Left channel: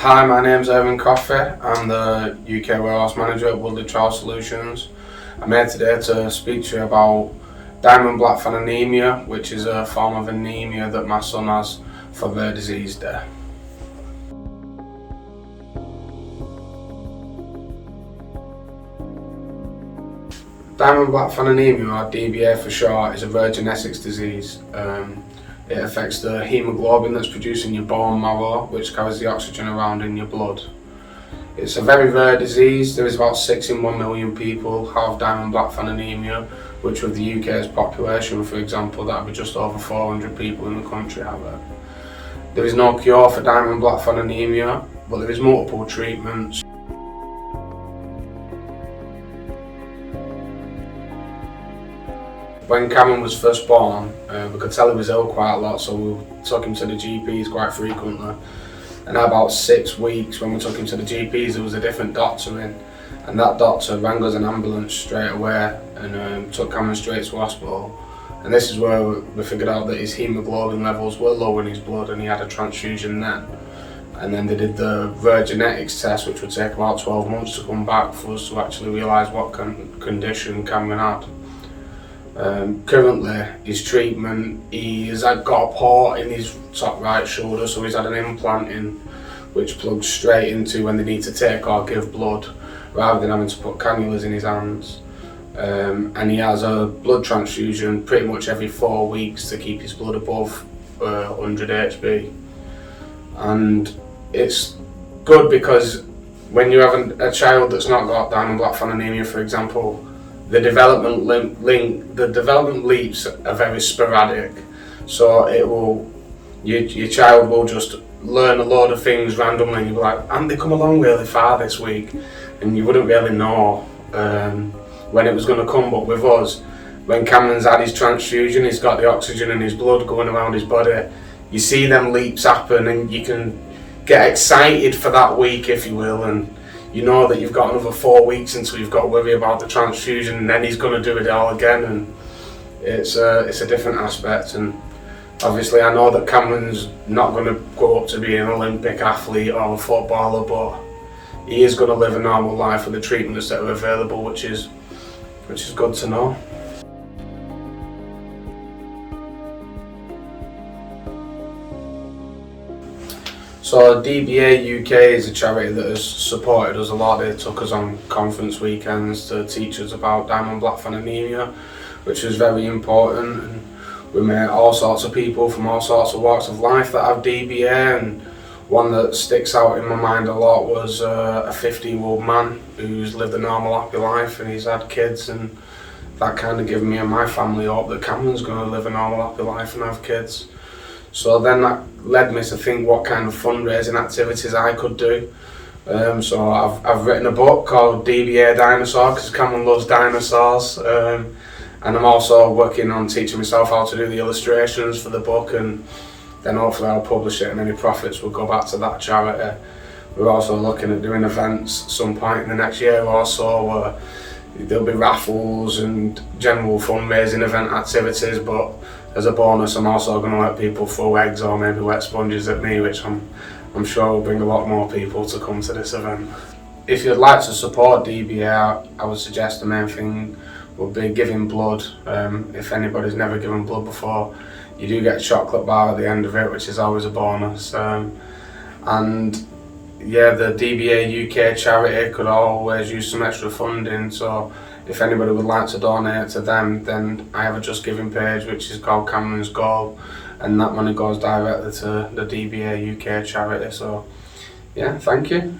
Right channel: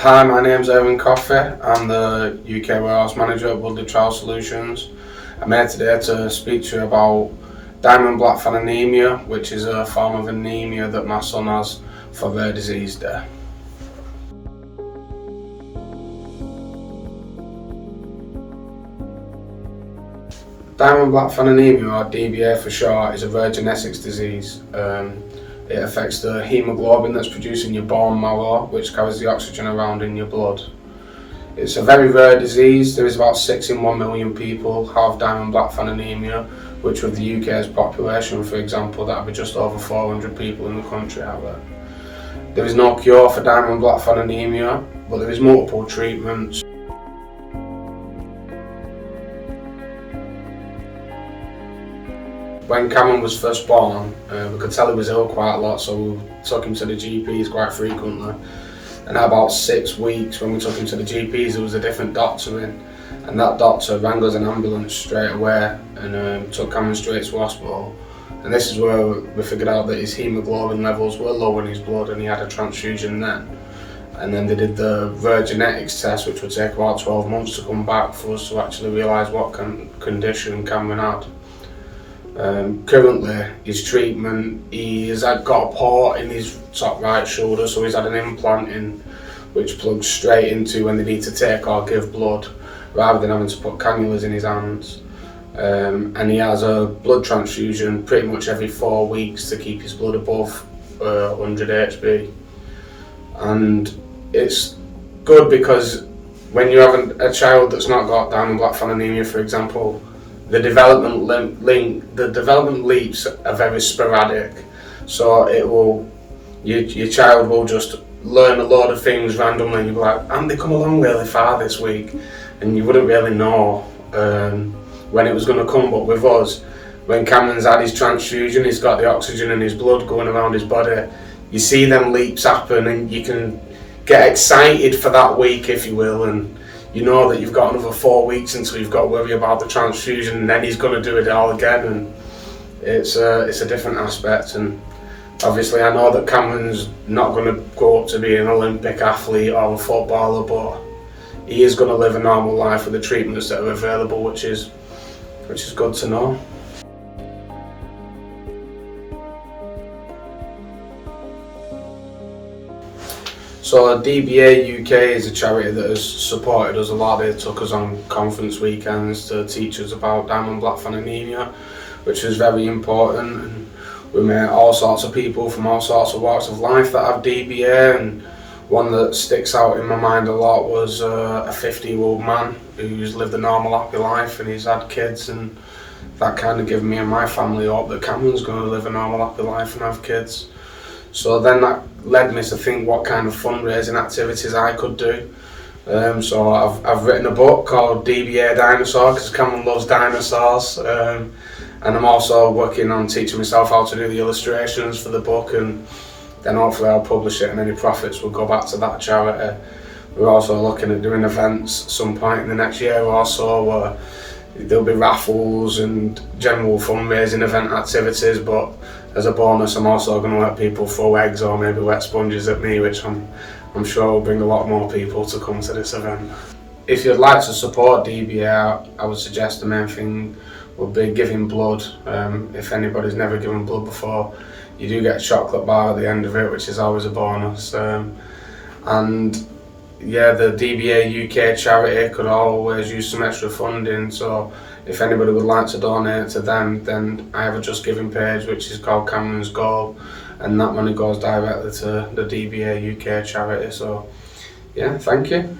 Hi, my name's Aaron Coffey. I'm the UK Warehouse Manager at Woodley Trial Solutions. I'm here today to speak to you about Diamond Blackfan Anaemia, which is a form of anemia that my son has for Rare Disease Day. Diamond Blackfan Anaemia, or DBA for short, is a rare genetics disease. It affects the hemoglobin that's produced in your bone marrow, which carries the oxygen around in your blood. It's a very rare disease. There is about 6 in 1 million people have Diamond Blackfan Anaemia, which with the UK's population, for example, that would be just over 400 people in the country have it. There is no cure for Diamond Blackfan Anaemia, but there is multiple treatments. When Cameron was first born, we could tell he was ill quite a lot, so we took him to the GPs quite frequently. And at about 6 weeks, when we took him to the GPs, there was a different doctor in, and that doctor rang us an ambulance straight away and took Cameron straight to hospital. And this is where we figured out that his hemoglobin levels were low in his blood, and he had a transfusion then. And then they did the rare genetics test, which would take about 12 months to come back for us to actually realise what condition Cameron had. Currently, his treatment, he's got a port in his top right shoulder, so he's had an implant in which plugs straight into when they need to take or give blood, rather than having to put cannulas in his hands. And he has a blood transfusion pretty much every 4 weeks to keep his blood above 100 HB. And it's good because when you have a child that's not got Diamond Blackfan Anaemia, for example, the development leaps are very sporadic, so your child will just learn a load of things randomly, and you'll be like, and they come along really far this week, and you wouldn't really know when it was going to come. But with us, when Cameron's had his transfusion, he's got the oxygen in his blood going around his body, you see them leaps happen, and you can get excited for that week, if you will, and you know that you've got another 4 weeks until you've got to worry about the transfusion, and then he's going to do it all again, and it's a different aspect. And obviously I know that Cameron's not going to go up to be an Olympic athlete or a footballer, but he is going to live a normal life with the treatments that are available, which is good to know. So DBAUK is a charity that has supported us a lot. They took us on conference weekends to teach us about Diamond Blackfan Anaemia, which was very important. And we met all sorts of people from all sorts of walks of life that have DBA, and one that sticks out in my mind a lot was a 50-year-old man who's lived a normal, happy life, and he's had kids, and that kind of gave me and my family hope that Cameron's going to live a normal, happy life and have kids. So then that led me to think what kind of fundraising activities I could do. So I've written a book called DBA Dinosaur, because Cameron loves dinosaurs, and I'm also working on teaching myself how to do the illustrations for the book, and then hopefully I'll publish it and any profits will go back to that charity. We're also looking at doing events at some point in the next year or so where there'll be raffles and general fundraising event activities, but as a bonus I'm also going to let people throw eggs or maybe wet sponges at me, which I'm sure will bring a lot more people to come to this event. If you'd like to support DBA, I would suggest the main thing would be giving blood. If anybody's never given blood before, you do get a chocolate bar at the end of it, which is always a bonus. And yeah, the DBA UK charity could always use some extra funding, so if anybody would like to donate to them, then I have a JustGiving page which is called Cameron's Goal, and that money goes directly to the DBA UK charity. So yeah, thank you.